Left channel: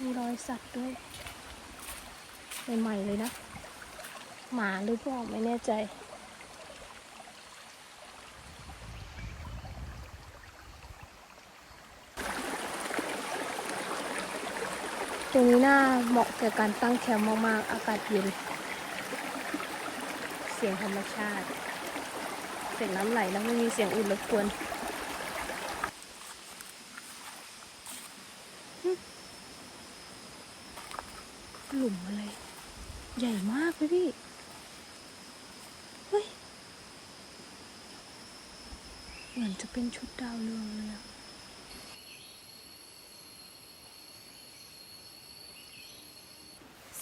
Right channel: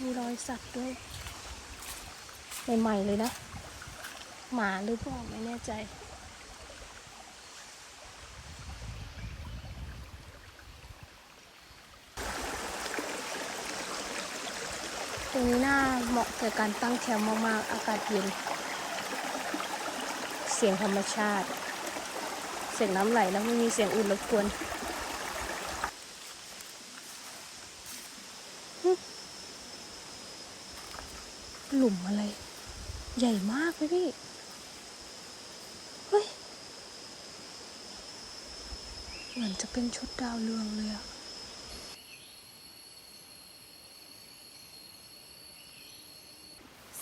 มีรอยสัตว์ด้วย ใหม่ๆเลยนะ หมาหรือเปล่าไม่แน่ใจ ตรงนี้น่าเหมาะแก่การตั้งแคมป์มากๆ อากาศเย็น เสียงธรรมชาติ เสียงน้ำไหลแล้วไม่มีเสียงอื่นรบกวน ลุมอะไร ใหญ่มากเลยพี่เฮ้ย เหมือนจะเป็นชุดดาวเรืองเลยอะ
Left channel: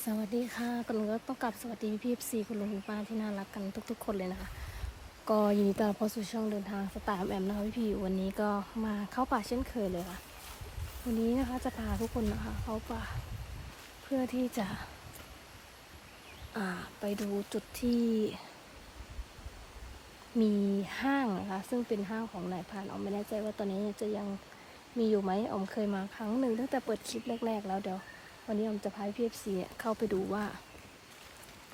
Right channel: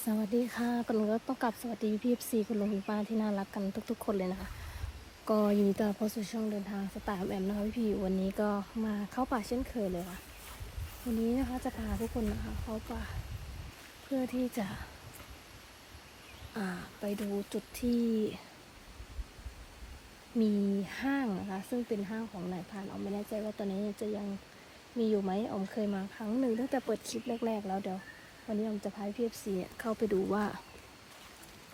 สวัสดีค่ะก่อนอื่นก็ต้องกลับสวัสดีพี่พีซีคุณลุงคุณป้าที่น่ารักกันทุก ๆ คนเลยนะคะก็ยินดีต้อนรับเข้าสู่ช่องเดินทางสตาร์แอมนะคะพี่พี่วันนี้ก็มาเข้าป่าเช่นเคยเลยค่ะ วันนี้นะคะจะพาทุกคนนะคะเข้าป่า เพื่อที่จะไปดูจุดที่ มีห้างนะคะ ซึ่งเป็นห้างของนายพานออมไม่แน่ใจว่าตอนนี้จะยังมีอยู่ไหมออมเคยมาครั้งหนึ่งตั้งแต่เปิดคลิปแรก ๆ แล้วเดี๋ยว วันนี้ผมจะพาพีเอฟซีเข้าไปดูว่า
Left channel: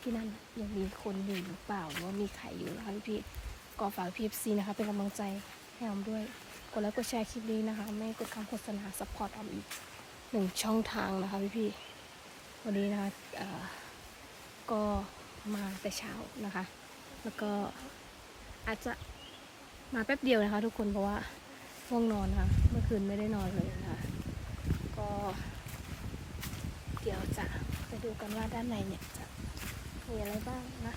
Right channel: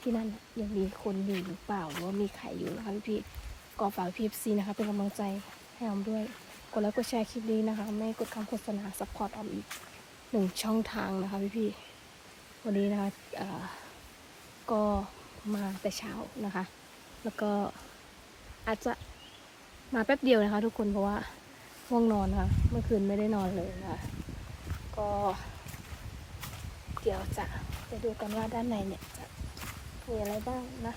ที่นั่นยังมีคนอยู่หรือเปล่าหรือว่ามีใครอยู่นะคะพี่พี่ก็ฝากพีเอฟซีนะคะเป็นกำลังใจให้ออมด้วยกดไลค์กดแชร์คลิปนี้นะคะ ไม่กดคำโฆษณาซัพพอร์ตออมอีกหนึ่งช่องทางนะคะพี่พี่ วันนี้นะคะก็มาแต่เช้านะคะ แล้วก็อาจจะมาแป๊บเดียวนะคะ ทุกคนเพราะว่าง่วงนอนนะคะเมื่อคืนไม่ได้นอนเลยนะคะ ก็เดี๋ยวจะไปดูกันว่าด้านในเนี่ยจะมีอะไรบ้างนะ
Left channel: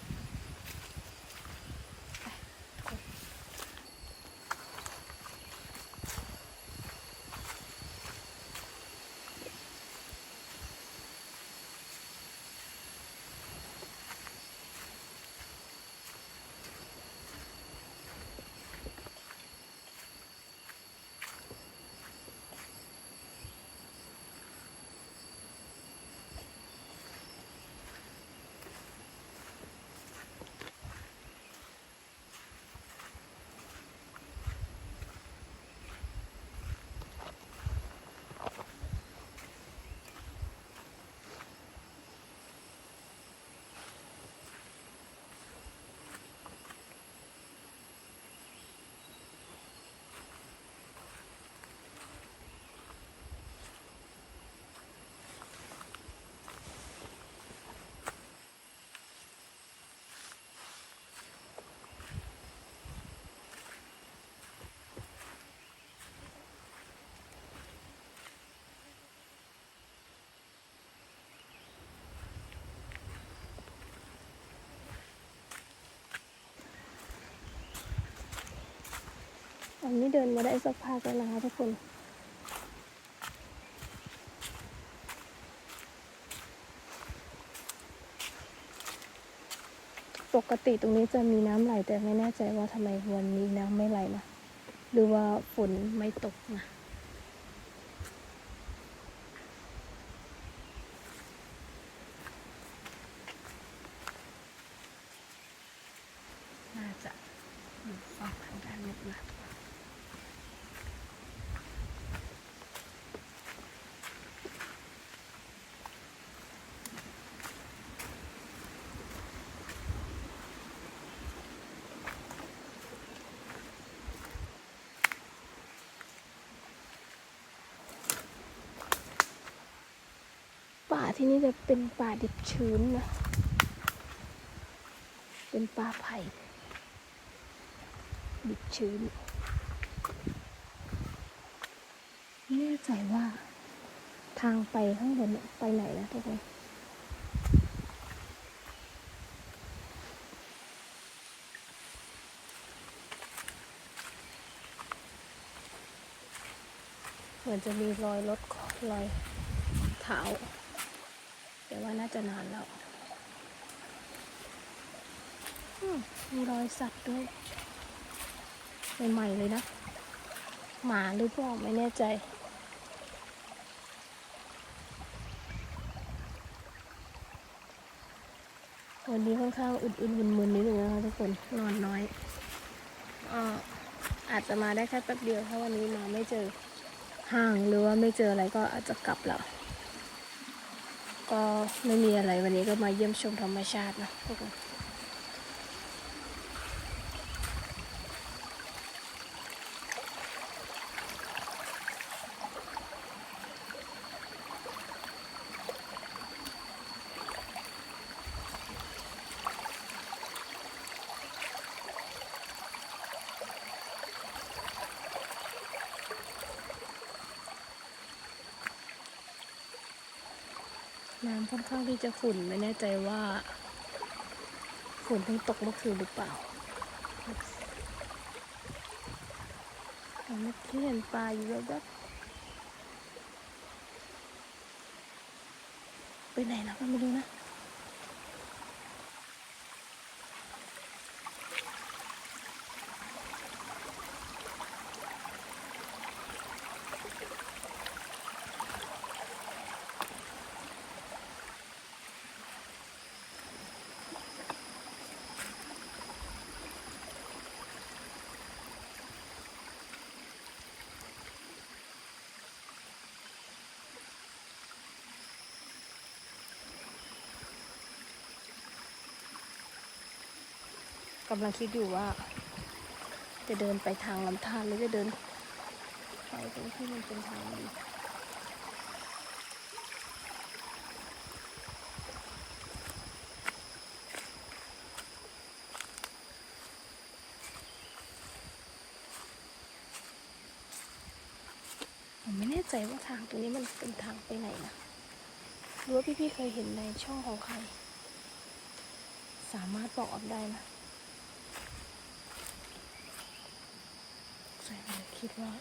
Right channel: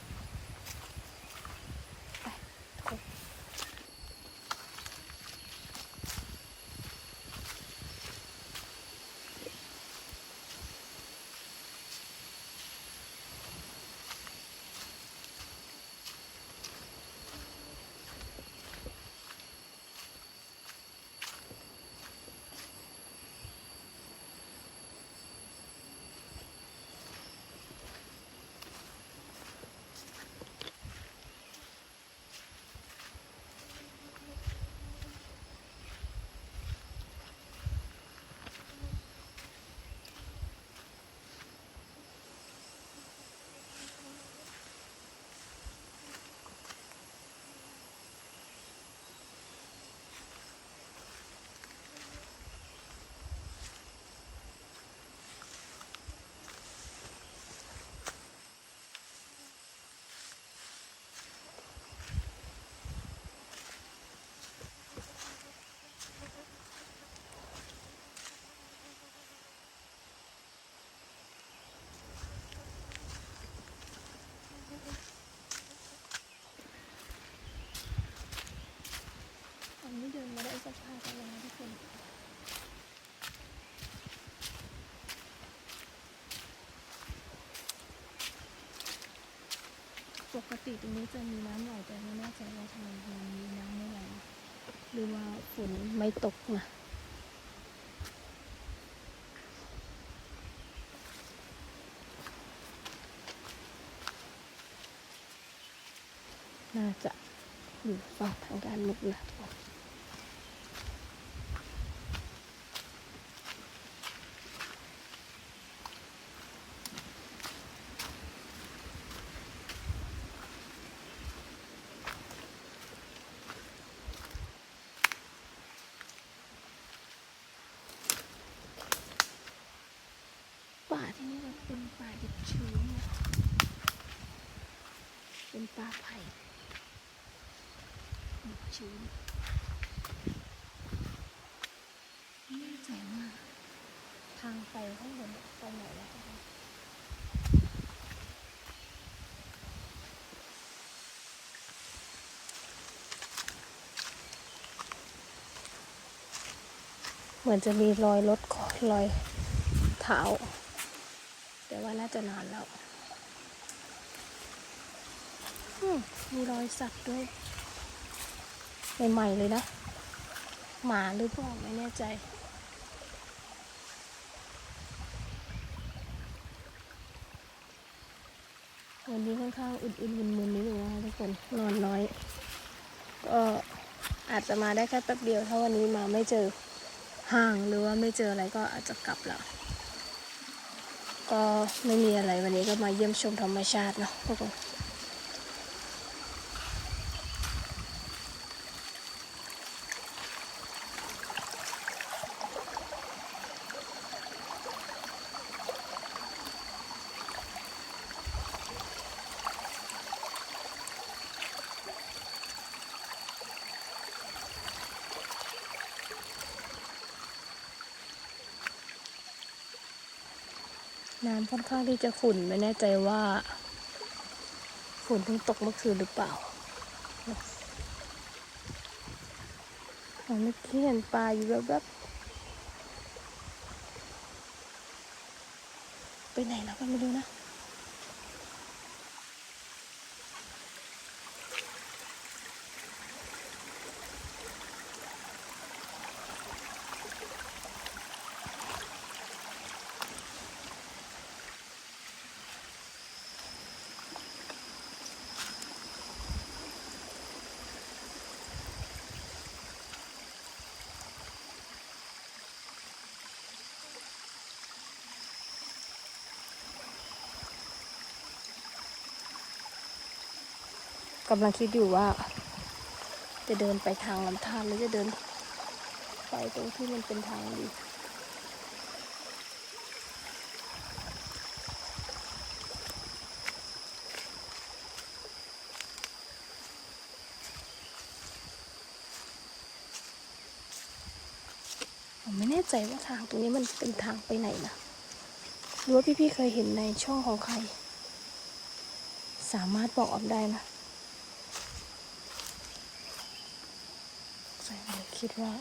นนี้เดินมาได้สักพักแล้วนะคะทุกคนปกติตรงนี้จะมีน้ำไหลแต่ไม่แน่ใจว่าทำไมวันนี้น้ำไม่ไหลนะหรือว่าฝนไม่ตกนะน่าจะอยู่ฝั่งทางด้านลึกนะ ป่าที่นี่จะเป็นป่าดิบชื้นนะ เป็นป่าไผ่ดิบชื้นไม่แน่ใจว่าทางไปข้างบนเนี่ยไปไหนนะทุกคนเหมือนจะมีรอยรถรอยเท้า แต่ว่าน่าจะนานแล้วมีรอยสัตว์ด้วยใหม่ๆเลยนะ หมาหรือเปล่าไม่แน่ใจ วันนี้ค่อนข้างอึดๆมึนๆนิดนึงนะคะทุกคนนอนน้อยก็อาจจะมาได้แค่แป๊บเดียวถ้าวันนี้มาไม่เจอห้างหรือว่าไม่เจออะไรก็อาจจะกลับแล้ว ก็ไม่มีอะไรวันนี้ก็มาเยี่ยมชมธรรมชาติเนาะทุกคน น้ำค่อนข้างที่จะขุ่นไม่แน่ใจว่าฝนเพิ่งตกเมื่อคืนหรือเปล่าอ๋อเมื่อกี้เห็นปลาอยู่แบบแบบไปไหนแล้วก็ไม่รู้นะ กำลังคิดอยู่ว่า จะเดินไปทางลำธารหรือจะเดิน ไปตรงที่มันเป็นทางดีผมไม่แน่ใจว่าทางตรงนี้มันเป็นทางไปไหนนะหรือว่าพี่ๆเคยเห็นในช่องของใคร สามารถบอกออกได้นะแฟน คิดว่า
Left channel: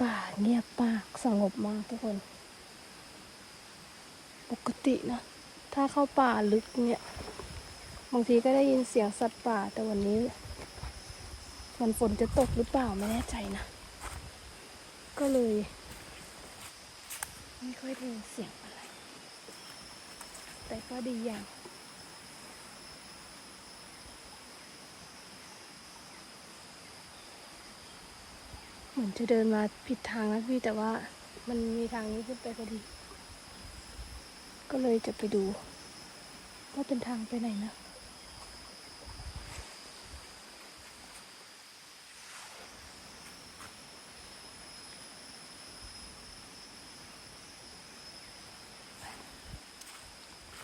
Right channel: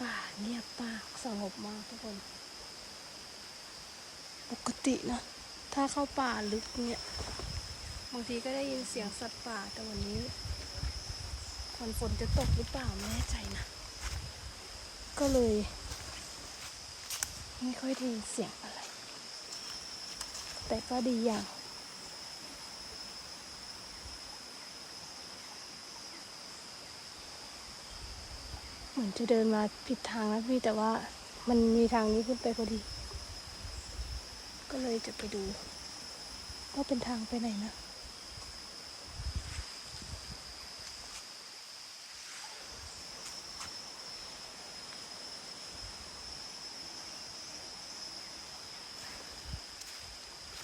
ป่าเงียบมากสงบมากทุกคน ปกตินะ ถ้าเข้าป่าลึกเนี่ยบางทีก็ได้ยินเสียงสัตว์ป่าแต่วันนี้ มันฝนจะตกหรือเปล่าไม่แน่ใจนะ ก็เลย ไม่ค่อยได้ยินเสียงอะไร แต่ก็ดีอย่าง เหมือนจะเดินมาผิดทางนะพี่แต่ว่ามันมีทางนี้ขึ้นไปพอดี ก็เลยจะไปดูว่าเป็นทางไปไหนนะ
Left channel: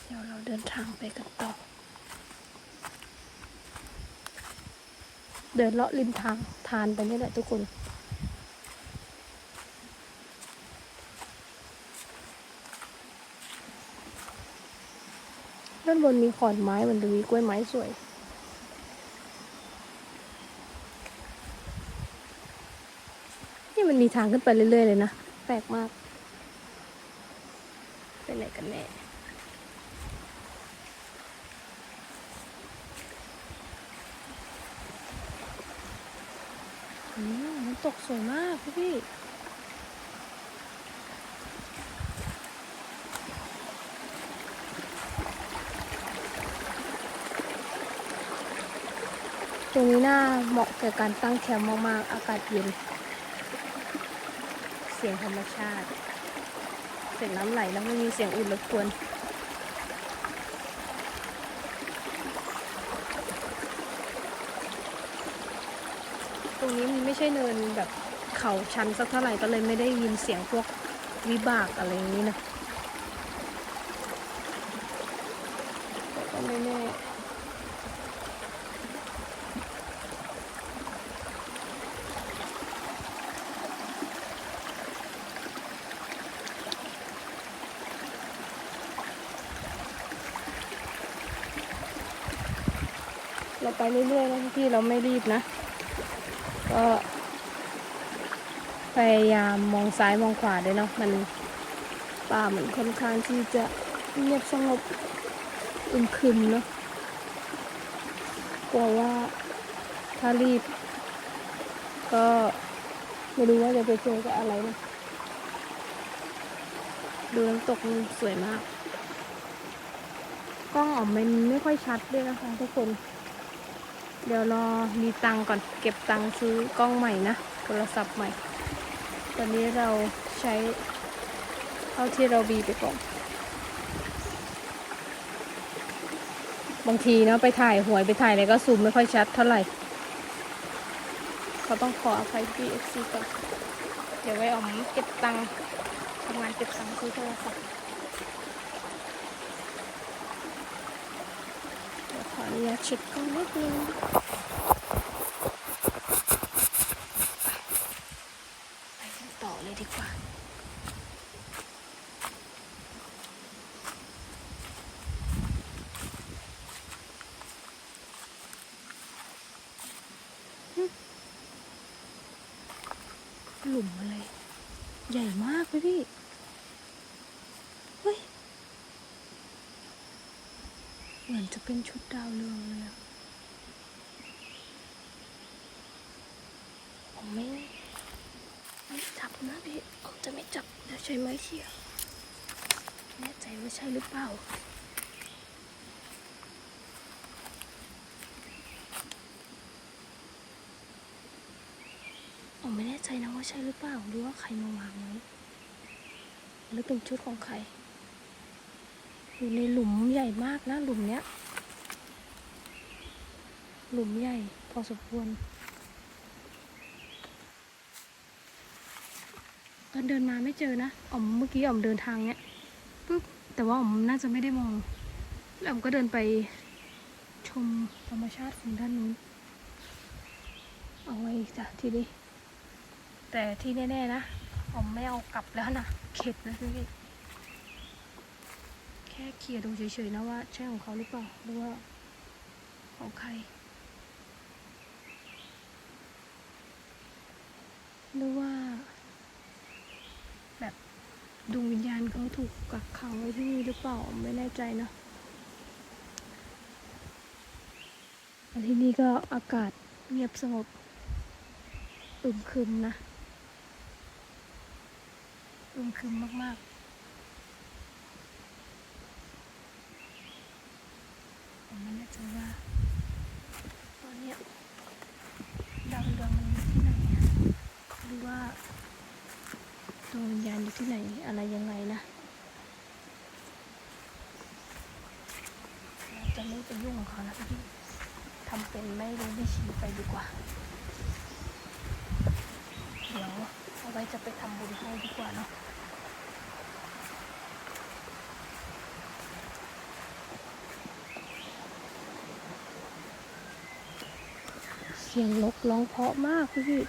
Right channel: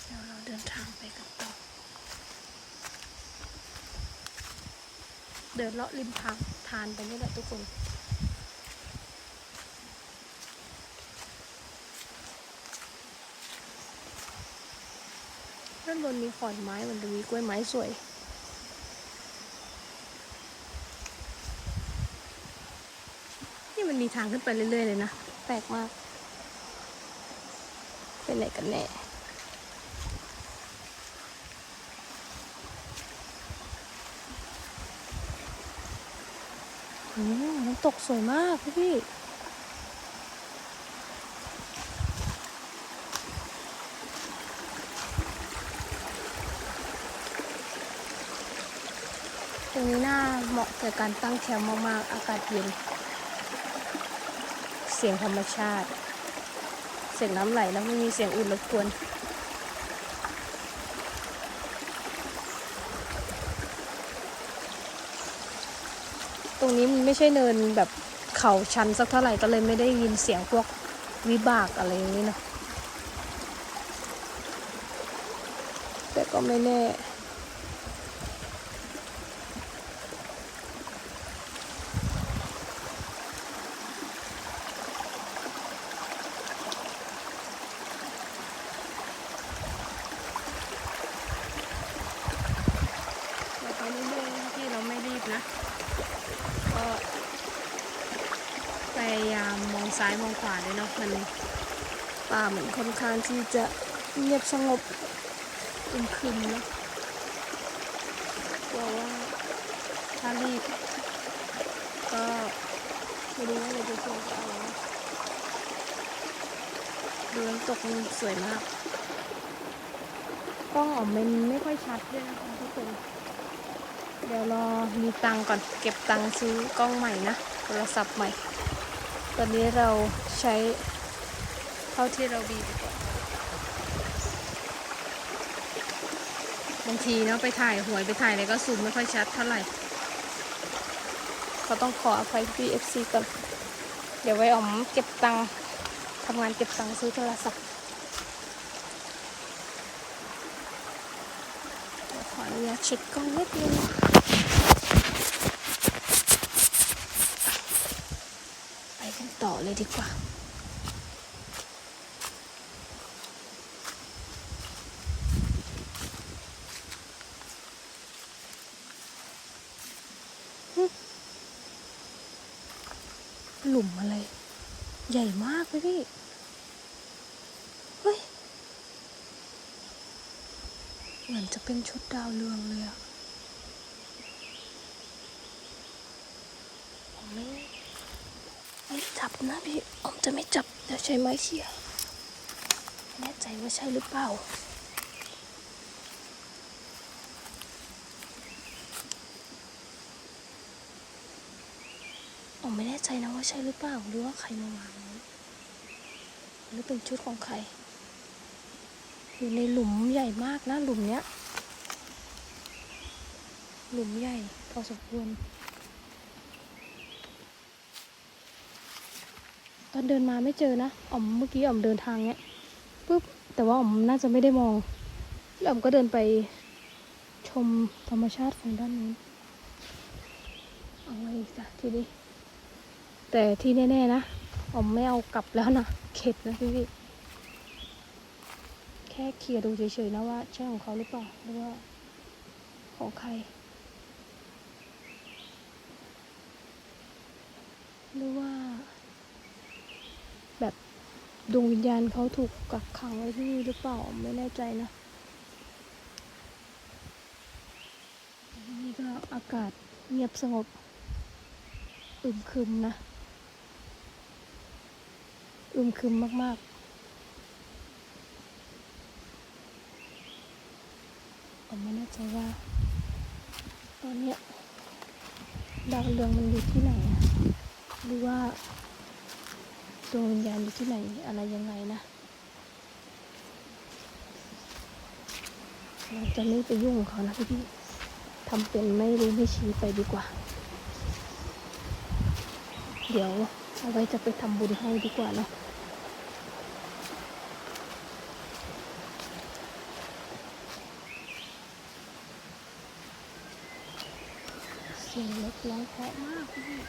เดี๋ยวเราเดินทางไปกันต่อเดินเลาะริมทางทานไปนี่แหละทุกคนานบนมีขอนไม้มันจะมีกล้วยไม้สวย นี่มันมีทางขึ้นไปเรื่อยๆเลยนะ แปลกมากไปไหนกันแน่อืมน้ำตกสวยมากพี่พี่ ตรงนี้น่า เหมาะแก่การตั้งแคมป์มากๆ อากาศเย็น เสียงธรรมชาติ เสียงน้ำไหลแล้วไม่มีเสียงอื่นรบกวนตรงนี้มันไม่ใช่เนินแบบเขาชันสักเท่าไหร่ก็เลยไม่ได้ยินเสียงพวกวิบากอะไรอย่างนี้เนาะแต่ก็ไม่แน่ เราไปเรื่อยๆนะพี่เราไม่รีบนะ ก็พยายามมองซ้ายมองขวาด้วยเนาะมันป่ามันค่อนข้างที่จะเงียบสงบอึมครึมเนาะกลัวว่าถ้ารีบ ก็ไม่รู้ว่าจะเจอกับอะไรนะดูน้ำตกมันสวยมาก กล้องออกมันไม่ค่อยชัดด้วยนะคะทุกคน เดี๋ยวรอมีตังก่อนเก็บตังซื้อกล้องใหม่นะโทรศัพท์ใหม่ ตอนนี้เราใช้เท่าที่เรามีไปก่อน บางทีเนาะไปถ่ายหวยไปถ่ายอะไรก็ซูมไม่ค่อยชัดเท่าไหร่ ก็ต้องขออภัยพี่เอฟซีก่อน เดี๋ยวไว้อมเก็บตังทำงานเก็บตังซื้อโทรศัพท์เดี๋ยวขออนุญาตเช็คกล้องนิดนึง ไปกันต่อเลย ดีกว่าหลุมอะไร ใหญ่มากเลยพี่ เฮ้ย เหมือนจะเป็นชุดดาวเรืองเลยอะผมไม่ จับนะพี่ผมจะไม่จับเดี๋ยวใช้ไม้เขี่ยแน่ใจว่าใช่หรือเปล่าผมไม่แน่ใจนะว่าใช่หรือเปล่าหรือว่าใครมาวางไว้หรือเป็นชุดของใคร อยู่ในหลุมใหญ่มากนะหลุมเนี้ย หลุมใหญ่พอสมควร อนเดินมาไม่เจอนะอ๋อมเมื่อกี้อ๋อมเดินทางเนี้ยปุ๊บแต่ว่าอ๋อมน่าจะไม่ได้มองแล้วอ๋อมก็เดินไปชมธรรมชาติของด้านนู้นเอาไว้จ้ะทีนี้แต่ที่แน่ๆนะอ๋อมไม่เอากลับแล้วนะเข็ดนะพี่แค่เคลียร์ดูเฉยๆนะว่าใช่ของเขาหรือเปล่าหรือว่าของใครหรือว่า ดวงวิญญาณเขาถูกกักขังไว้ที่นี่หรือเปล่าไม่แน่ใจนะที่นี่ก็อากาศเงียบสงบอึมครึมนะอึมครึมมาก ๆ ผมไม่แน่ใจว่าตอนนี้ดาวเรืองอยู่ที่ไหนหรือว่า ดวงวิญญาณอยู่ที่ไหนอะไรยังไงนะจะไม่ไปยุ่งกับเขาพี่ทำเป็นไม่รู้ไม่ชี้ไปดีกว่า เดี๋ยวเอาไว้จะไปทำบุญให้ดีกว่านะเสียงนกร้องเพราะมากพี่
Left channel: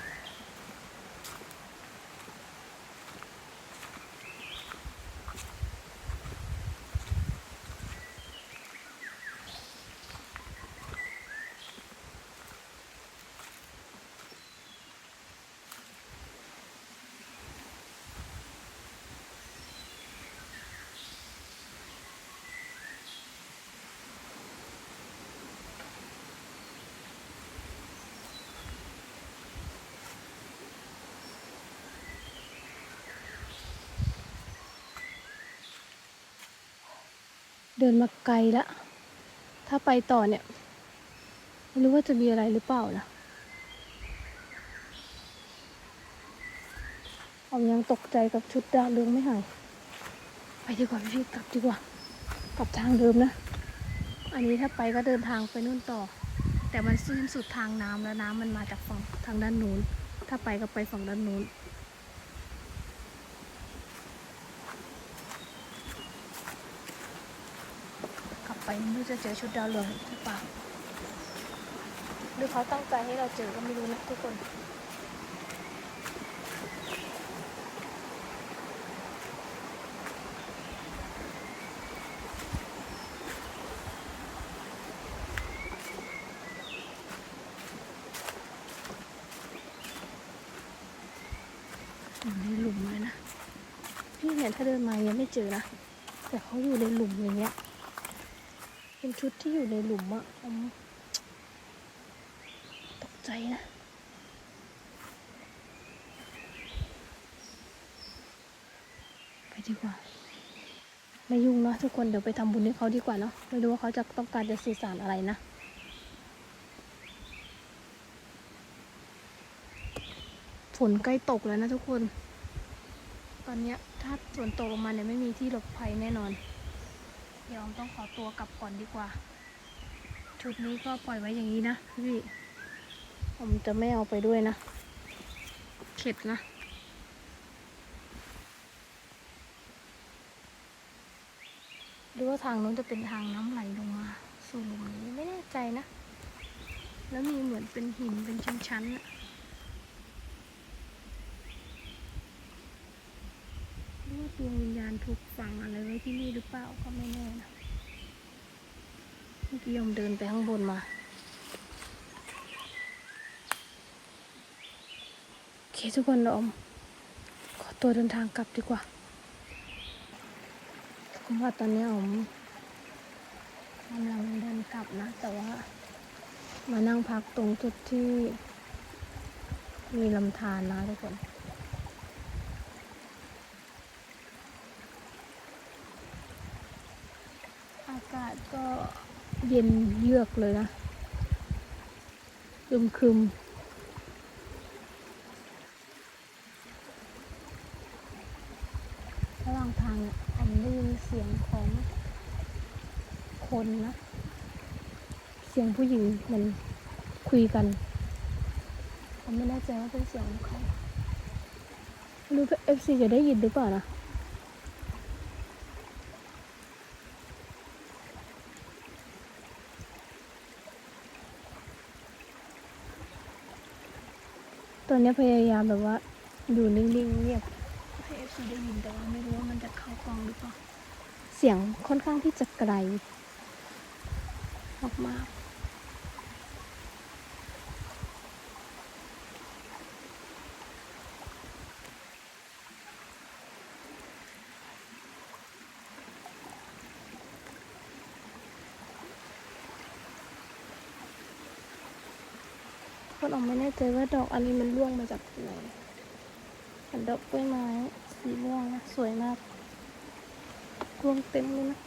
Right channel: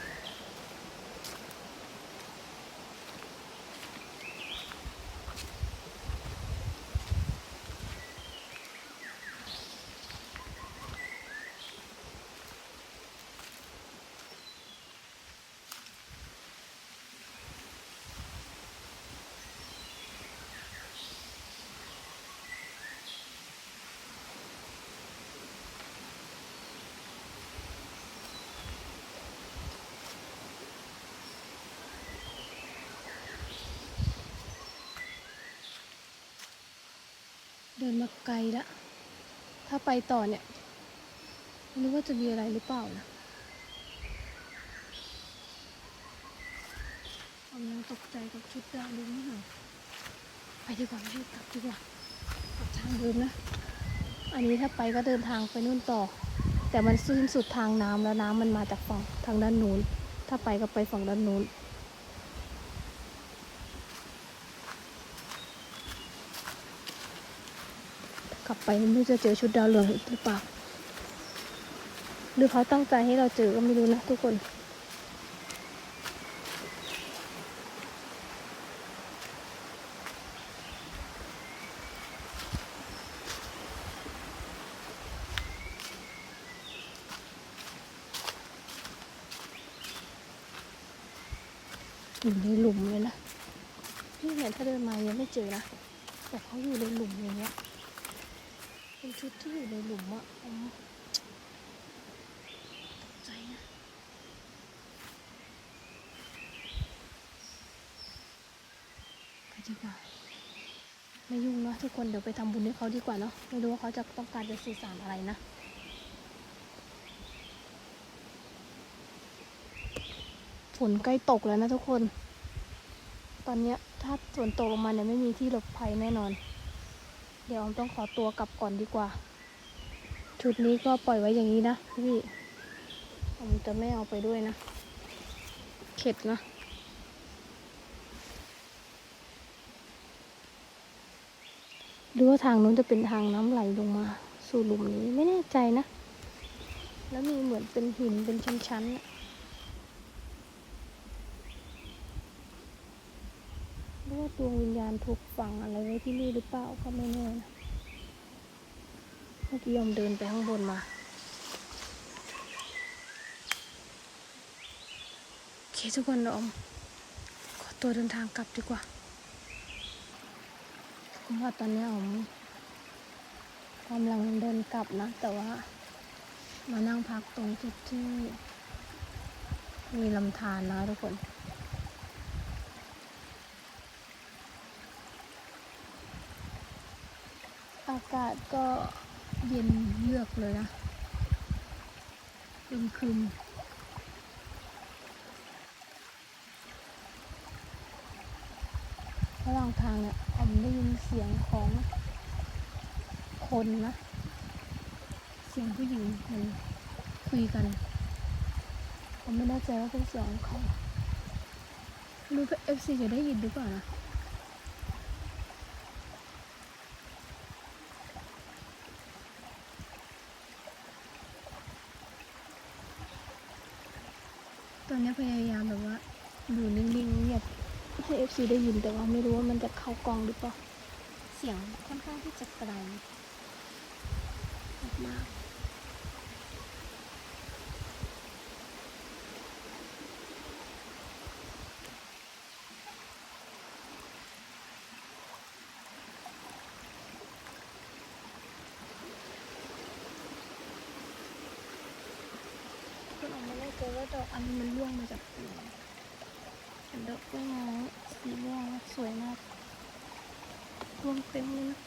เดินมาไกลละ ถ้าไปต่อเนี่ย ไม่รู้ว่าจะมีอะไรหรือเปล่านะผมยังตกใจกับชุดดาวเรืองไม่หาย ไปดีกว่าพี่กลับดีกว่า กลับทางเดิมนะ อันนี้ถ้าไปก็เดินทางไปนู่นต่อ แต่มันสิ้นสุดทางน้ำแล้วน้ำมันมาจากฝั่งทางด้านนู้น ถ้าไปก็ไปฝั่งด้านนู้น กลับ ไปไม่อจะเจอชุดดาวเรืองอีกหรือเปล่าหรือเขาตั้งใจให้เราเจอก็ไม่รู้นะทุกคนอยู่ในหลุมเลยนะ พี่เนี่ยถ้าเดินมายังไม่เจอนะ แต่เขาอยู่ในหลุมอย่างเงี้ย ชุดที่อยู่ในหลุมอะตกใจนะไปดีกว่า ไม่ยุ่งนะทุกคนเดี๋ยวไปทำบุญให้เขาดีกว่าเนาะไม่รู้ว่าเขาจะต้องการจะสื่อสารอะไรนะฝนใกล้ตกแล้วนะทุกคน ตอนนี้ถ้าฝนตกลงมาเนี่ยไม่มีที่หลบภัยแน่นอน เดี๋ยวออมต้องขอตัวกลับก่อนดีกว่า ชุดนี้ก็ปล่อยไว้อย่างนี้นะพี่ผมจะไม่เอาไปด้วยนะ เข็ดนะดูว่าทางนี้จะเป็นทางน้ำไหลลงมา สู่หลุมนี้ไม่แน่ใจนะ แล้วมีเหมือนเป็นหินเป็นชั้นๆอะหรือว่า ดวงวิญญาณถูกฝังอะไรไว้ที่นี่หรือเปล่าก็ไม่แน่นะเมื่อกี้ยอมเดินไปข้างบนมาโอเคทุกคนเราอมขอตัวเดินทางกลับดีกว่าทุกคนว่าตอนนี้อมกำลังเดินกลับนะ แต่ว่ามานั่งพักตรงจุดที่มีลำธารนะทุกคน อากาศก็เย็นเยือกเลยนะคึมคึมระหว่างทางเนี่ยผมได้ยินเสียงของคนนะ เสียงผู้หญิงมันคุยกัน ผมไม่แน่ใจว่าเป็นเสียงของใครไม่รู้เอฟซีจะได้ยินหรือเปล่านะ ตอนนี้พยายามแบบว่าอยู่นิ่งๆเงียบให้เอฟซีได้ยินแต่ว่าไม่รู้ว่ามันจะเข้ากองหรือเปล่า เสียงค่อนข้างที่จะไกลมากๆคนออกไม่แน่ ใจว่าดอกอันนี้มันร่วงมาจากไหนเป็นดอกกล้วยไม้สีม่วงนะสวยมากร่วงเต็มเลยนะ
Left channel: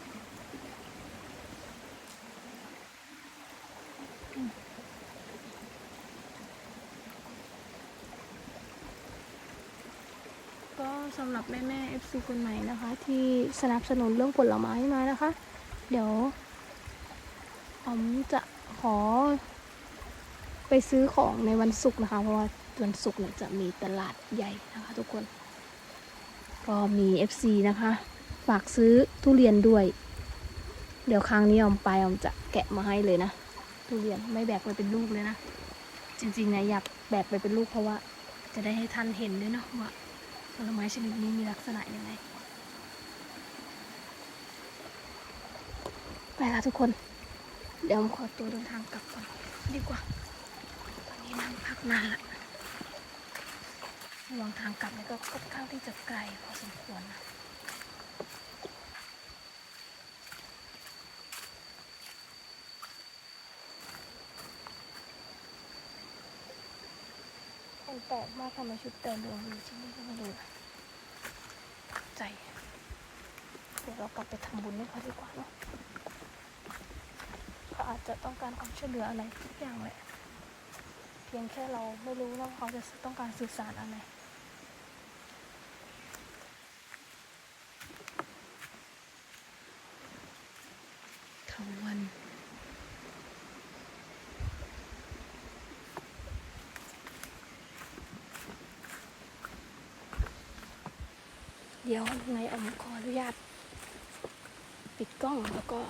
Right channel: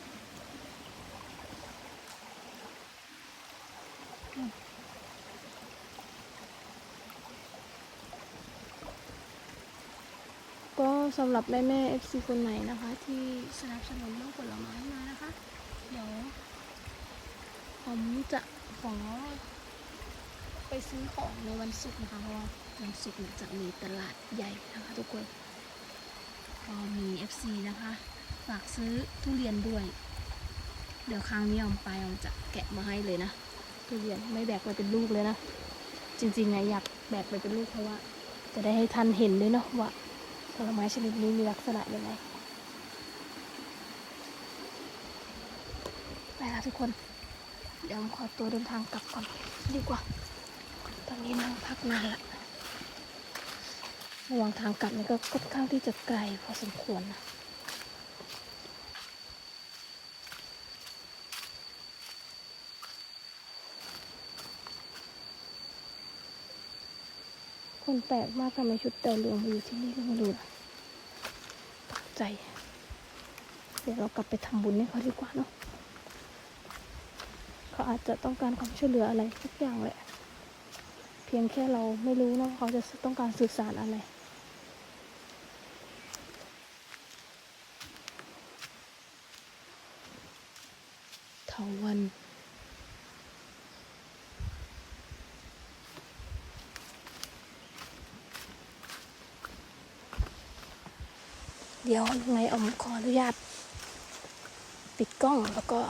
ก็สำหรับแม่แม่เอฟซีคนไหนนะคะ ที่สนับสนุนเรื่องผลไม้มานะคะ เดี๋ยวผมจะขอ ไปซื้อของในวันศุกร์นะคะ เพราะว่าวันศุกร์เนี่ยจะมีตลาดใหญ่นะคะทุกคน ก็มี FC นะคะ ฝากซื้อทุเรียนด้วย เดี๋ยวครั้งนี้ออมไปออมจะแกะมาให้เลยนะ ทุเรียนไม่แบกไปเป็นลูกเลยนะ จริงๆนะอยากแบกไปเป็นลูกเพราะว่า จะได้ให้ท่านเห็นด้วยเนาะว่าผลไม้ชนิดนี้มีลักษณะยังไงไปละทุกคน เดี๋ยวผมขอตัวเดินทางกลับก่อนดีกว่า นนี้นั่งพักนานละระหว่างทางกลับนี่ก็ค่อนข้างที่จะไกลพอสมควรนะคนแปลกมากคนในชุดแต่เหลืองอยู่ที่นี่ก็ไม่รู้นะตกใจเดี๋ยวเรากลับไปทำบุญให้เขาดีกว่าเนอะเขาอาจจะต้องการความช่วยเหลืออะไรสักอย่างแหละ พียงแค่เราไม่รู้นะเขาจะต้องการสื่อสารอะไรเถาวันเดี๋ยวยังไงออมขออนุญาต ปิดกล้องแล้วก็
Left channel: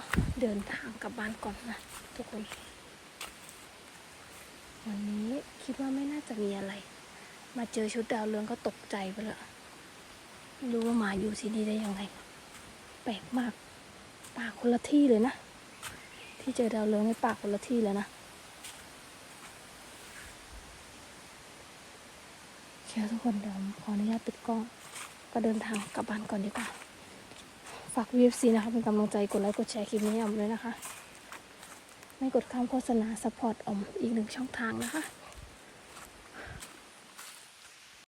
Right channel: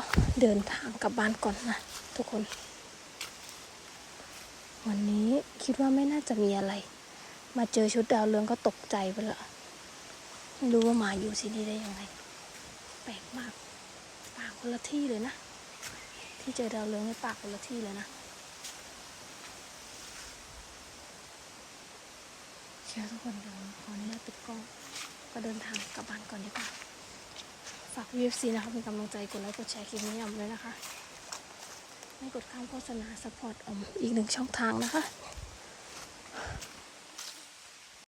เดินทางกลับบ้านก่อนนะทุกคน วันนี้คิดว่าไม่น่าจะมีอะไร มาเจอชุดดาวเรืองก็ตกใจไปละรู้ว่ามาอยู่ที่นี่ได้ยังไง แปลกมากปากคนละที่เลยนะ ที่เจอดาวเรืองในปากคนละที่แล้วนะเชื่อทุกคนเดี๋ยวขออนุญาตปิดกล้อง ก็เดินทางกลับบ้านก่อนดีกว่า ฝากวีเอฟซีนะคะเป็นกำลังใจกดไลค์กดแชร์คลิปนี้เอาำเลยนะคะ ต้กดคำโฆษณาสปอร์ตออมอีกหนึ่งช่องทางนะคะ